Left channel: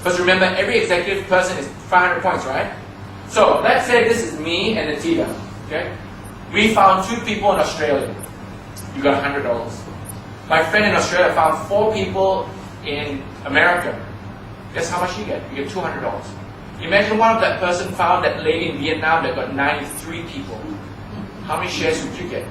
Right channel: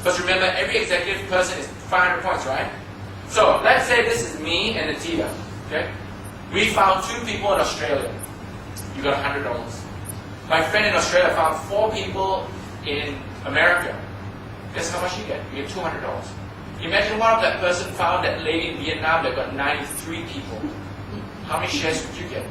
Because remember, every executive person is 500 points, right? So let's say this is me and Natita. Okay? We found 2 people in Australia. You got $100. My friend in Australia found 4 people in America. Guess how much you get? You get $200. Imagine one of that person found that lady in Vietnam that got 93 people. How many shares would you get?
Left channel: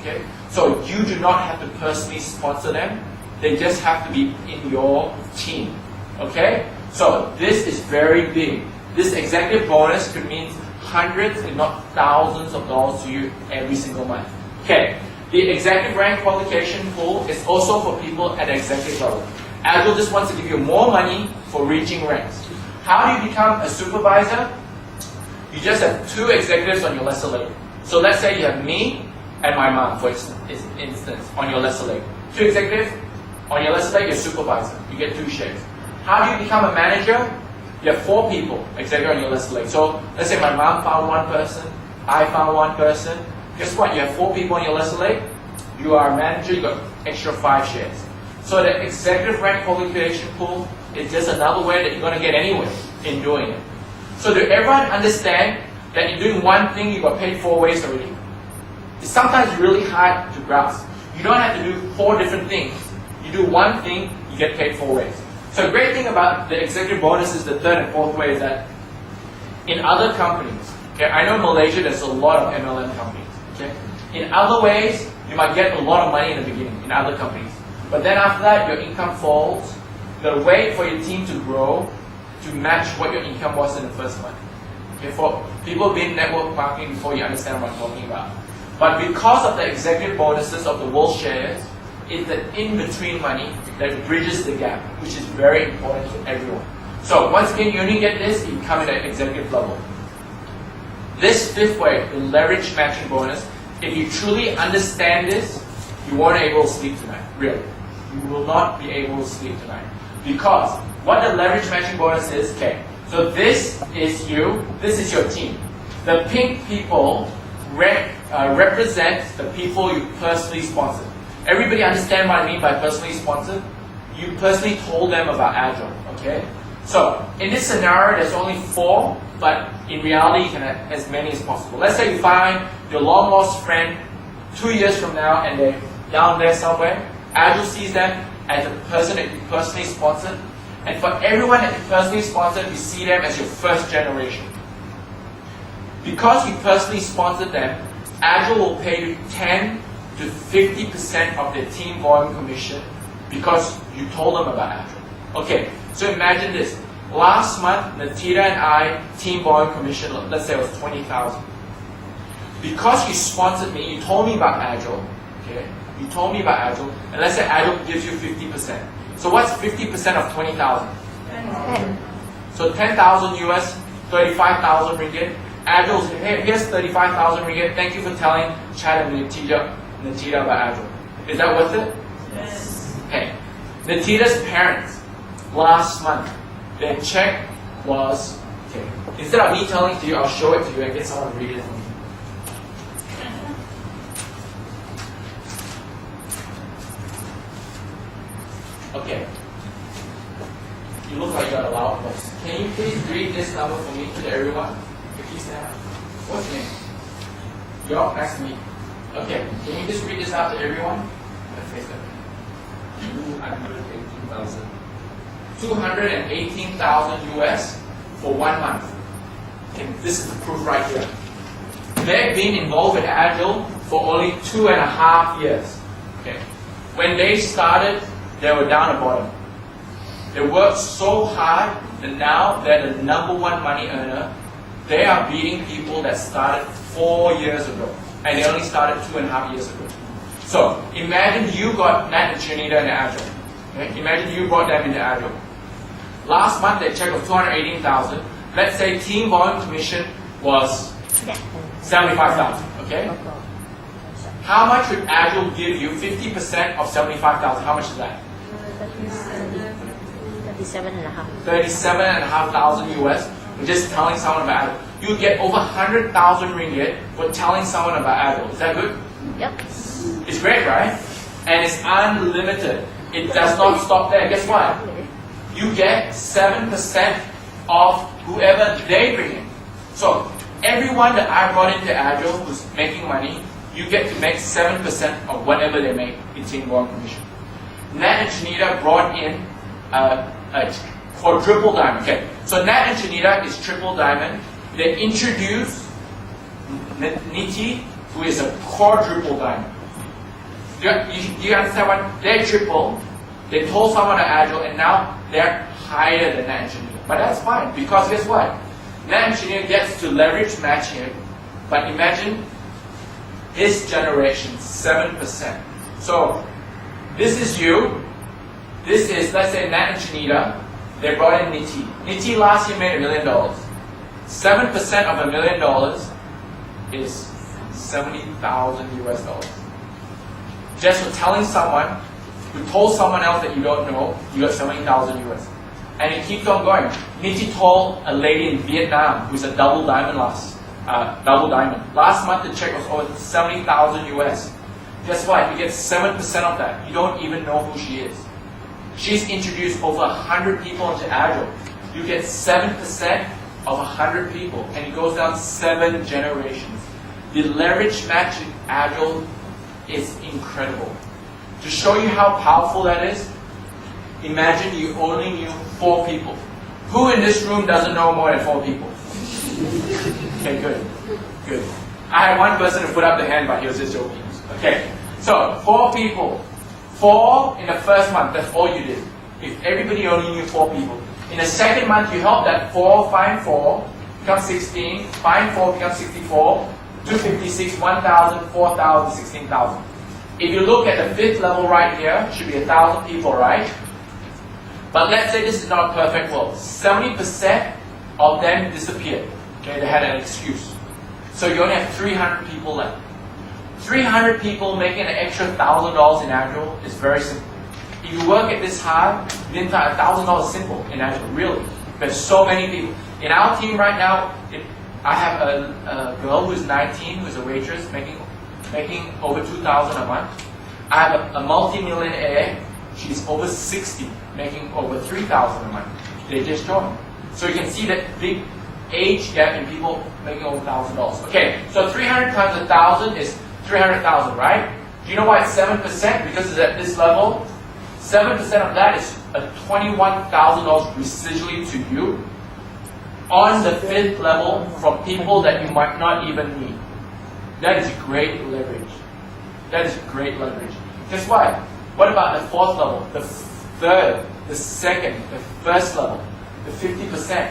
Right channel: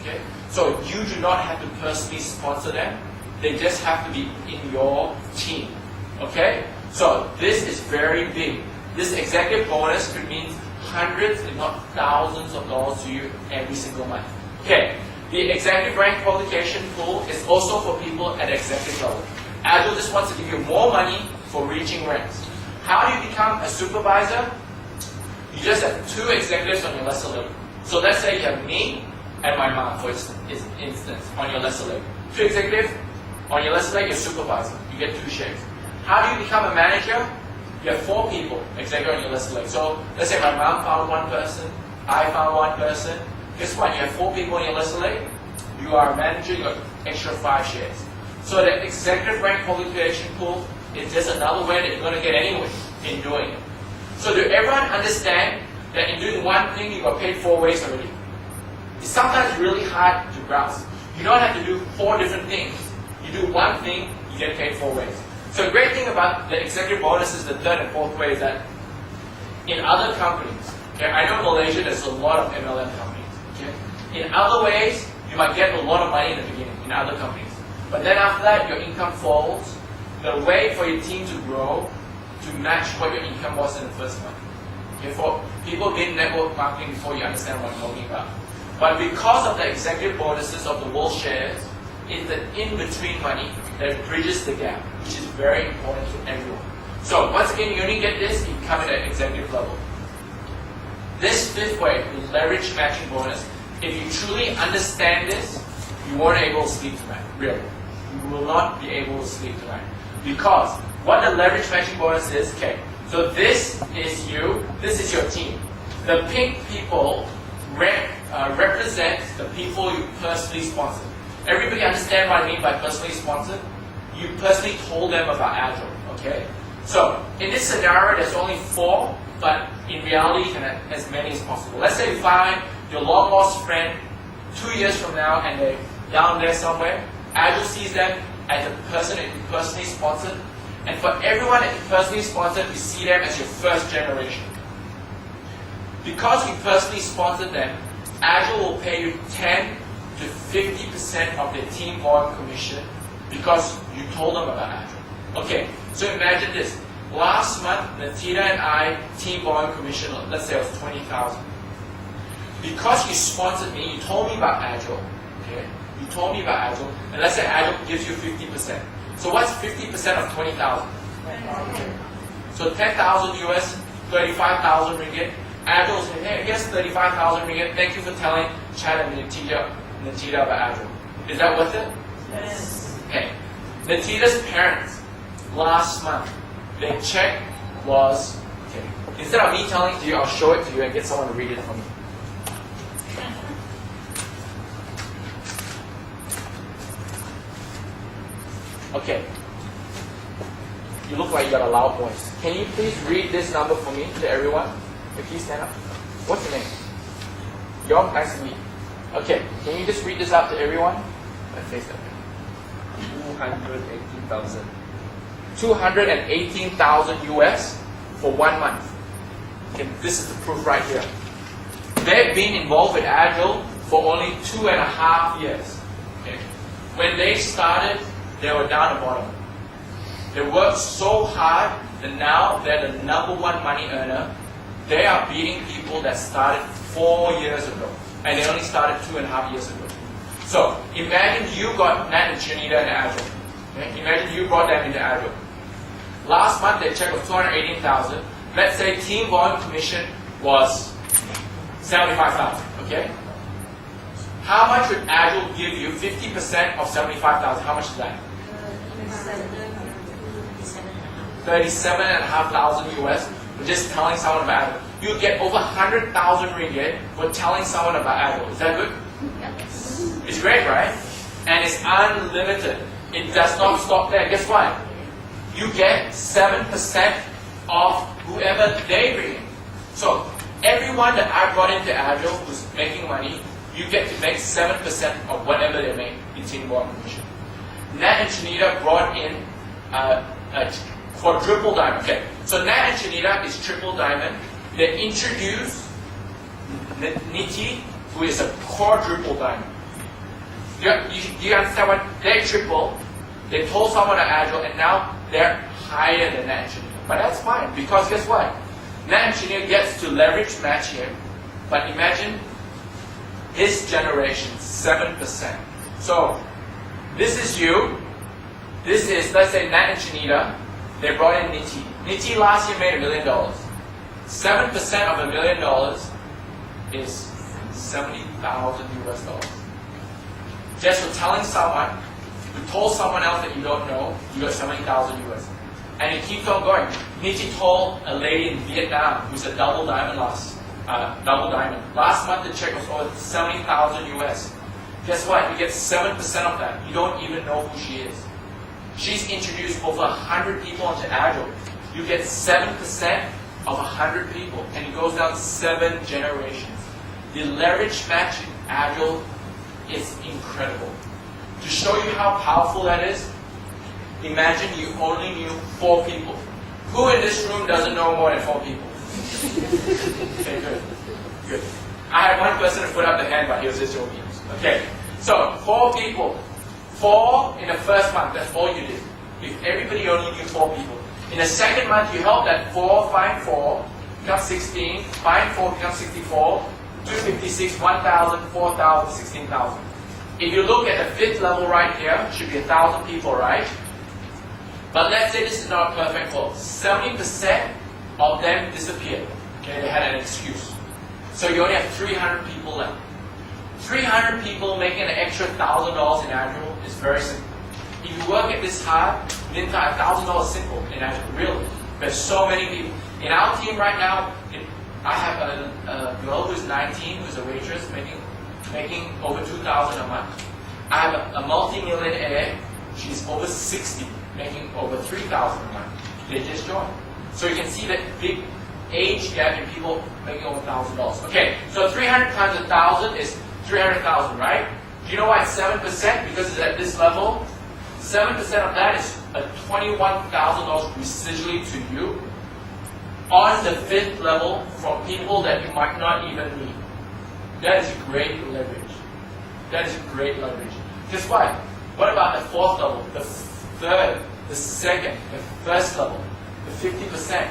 Okay? So you do not have to personally sponsor them. They just have to be in your team. Okay? So this is very big. This executive bonus could mean hundreds, if not thousands of dollars to you every single month. Okay. The executive rank qualification pool is also for people at the executive level. Agel just wants to give you more money for reaching ranks. How do you become a supervisor? You just have 2 executives on your lesser leg. So let's say you have me and my mom, for instance, on your lesser leg. 2 executives on your lesser leg, you're supervisor. You get 2 shares. How do you become a manager? You have 4 people, executive on your lesser leg. So let's say my mom found 1 person, I found 1 person. Guess what? You have 4 people on your lesser leg. You are a manager, you got extra 5 shares. So the executive rank qualification pool is just another way that you're going to get anyway in doing it. So do everyone understand that in doing one thing you got paid 4 ways already? It's sometimes really hard to grasp. You don't have to do 4 different things. You do one thing, you get paid 4 ways. So the great thing about the executive bonus is the 3rd and 4th way is that in other companies, okay, I know in Malaysia there's a lot of MLM companies. Okay? In other ways, you might get a lot of money in the beginning in other companies. But then after that, your income falls. You gotta wait for your team to grow to match what your income was in the first month. Okay, for people who've been in network marketing before, you understand what I'm talking about. But because of the executive bonuses of the world shares, it's the in-between money that bridges the gap, which is very important to everyone. So once again, you only get this if you come at an executive level. This 5th way, the leverage matching bonus, if you truly understand this, you won't be able to sleep tonight, really. You will not be able to sleep tonight. Because what the leverage matching bonus is, okay, so this is you, this is your team. The pink people represent the people you personally sponsored. Everybody understand what I mean by personally sponsored? You personally told them about Agel, okay? So, in this scenario, there's only 4, but in reality, you can have as many as possible. Let's say you find your long lost friend 2 years from now and they're down there somewhere. Agel sees them as a person that you personally sponsored. And for everyone that you personally sponsored, you see them as your first generation. Because you personally sponsored them, Agel will pay you 10 to 50% of their team volume commission because you told them about Agel. Okay, so imagine this. Last month, Natita and I, team volume commission, let's say it was 20,000. Because you sponsored me, you told me about Agel, okay? You told me about Agel, and let's say Agel gives you 50%. So what's 50% of 20,000? 10. So 10,000 US, 35,000 ringgit. Agel says, hey, here's 35,000 ringgit. Thank you for telling Chad and Natita about Agel. Is that worth it? Yes. Okay. Natita's parents, last month, their check was, okay, instead of me telling it to you, I'll show it to you and get someone to read it for me. Okay. You look like you got a loud voice. Can you please read this number for me to everyone? Okay, please stand up. What's your name? York, nice to meet you. Okay, can you just read this out to everyone? Let's face it. 218,000. 218,000 US for 1 month. Okay, this is the proof right here. They've been involved with Agel for only 2.5 years. Okay. When they started, they were down the bottom. They worked so hard that now they're the #1 money earner. They are beating people that started 4 years ago, and they only started 2.5 years ago. So imagine you got Nat and Trinita and Agel. Okay? Imagine you brought them into Agel. Last month their check was 218,000. Let's say team volume commission was 75,000. Okay. How much would Agel give you? 50% of 75,000. How much is that? 37,500 US for just telling someone about Agel. You get over 100,000 ringgit for telling someone about Agel. Is that good? Yep. It's great, right? And it's unlimited. It does not stop there. Guess what? you get 7% of whoever they bring in. So everyone that I brought into Agel who's making money, you get to make 7% of whatever they make in teamwork commission. Nat and Shanita brought in a quadruple diamond. Okay, so Nat and Shanita is triple diamond. They introduced Niti, who is a quadruple diamond. You understand what? They're triple. They told someone at Agel, and now they're higher than Nat and Shanita. But that's fine, because guess what? Nat and Shanita gets to leverage match him, but imagine his generation, 7%. So this is you. This is, let's say, Nat and Shanita. They brought in Niti. Niti last year made $1 million. 7% of $1 million is 70,000 US dollars. Just for telling someone who told someone else that you don't know, you got 70,000 US. And it keeps on going. Niti told a lady in Vietnam who's a double diamond last month the check was over 70,000 US. Guess what? You get 7% of that. You don't even know who she is. She's introduced over 100 people into Agel. You get 7% of 100 people, and it goes down 7 generations. The leverage match in Agel is incredible. To show you how powerful that is, imagine you only knew 4 people. Who in this room doesn't know more than 4 people? Okay, good. Good. I had one person who put up the hand, but he was just joking. Okay, so 4 people. 4 in the first month, that's all you did. If everybody only knew 4 people. In the second month, you helped that 4 find 4, become 16, find 4, become 64, 256, 1,000, 4,000, 16,000. If you look at the 5th level right here, should be 1,000 people, right? But let's say this is not a perfect world. 70% of them disappeared. Okay, they had an excuse. So you only have 300 people left. 300 people making an extra $1,000 in Agel is very simple. If you work at this hard, the entire $1,000 is simple in Agel, really. There's so many people. In our team right now, I have a girl who's 19, who's a waitress, making over $2,000 a month. I have a multi-millionaire, she's over 60, making over $3,000 a month. They just joined. So you can see that big age gap in people making over $1,000. Okay, so 300 times 1,000 is 300,000, right? Do you know why it's 7%? Because it's at this level. 7% of that is a $21,000 residually to you on the 5th level from people that you might not even need. That is great leverage. That is great leverage. Guess what? What about the 4th level, the 3rd, the 2nd, the 1st level, the 50%?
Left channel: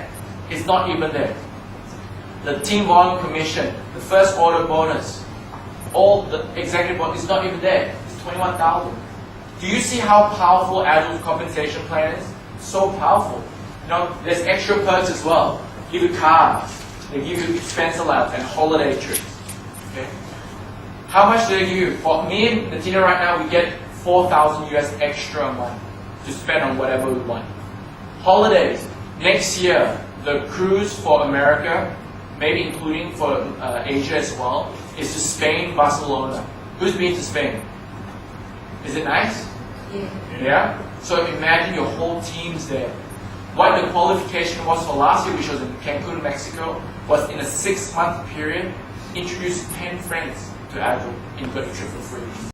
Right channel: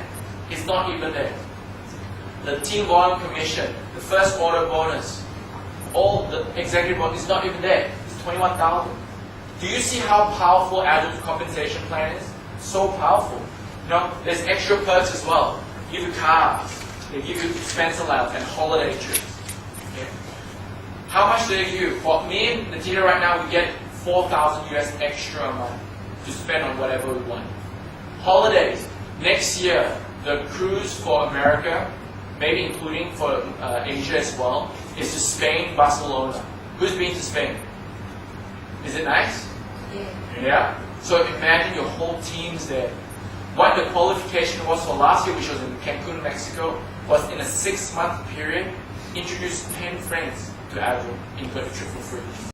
It's not even there. The team volume commission, the first order bonus, all the executive bonus is not even there. It's 21,000. Do you see how powerful Agel's compensation plan is? So powerful. You know, there's extra perks as well. They give you cars, they give you expense allowance and holiday trips. Okay? How much do they give you? For me and Natina right now, we get 4,000 US extra a month to spend on whatever we want. Holidays. Next year, the cruise for America, maybe including for Asia as well, is to Spain, Barcelona. Who's been to Spain? Is it nice? Yeah? So imagine your whole team's there. What the qualification was for last year, which was in Cancun, Mexico, was in a 6-month period, introduce 10 friends to Agel and got a trip for free.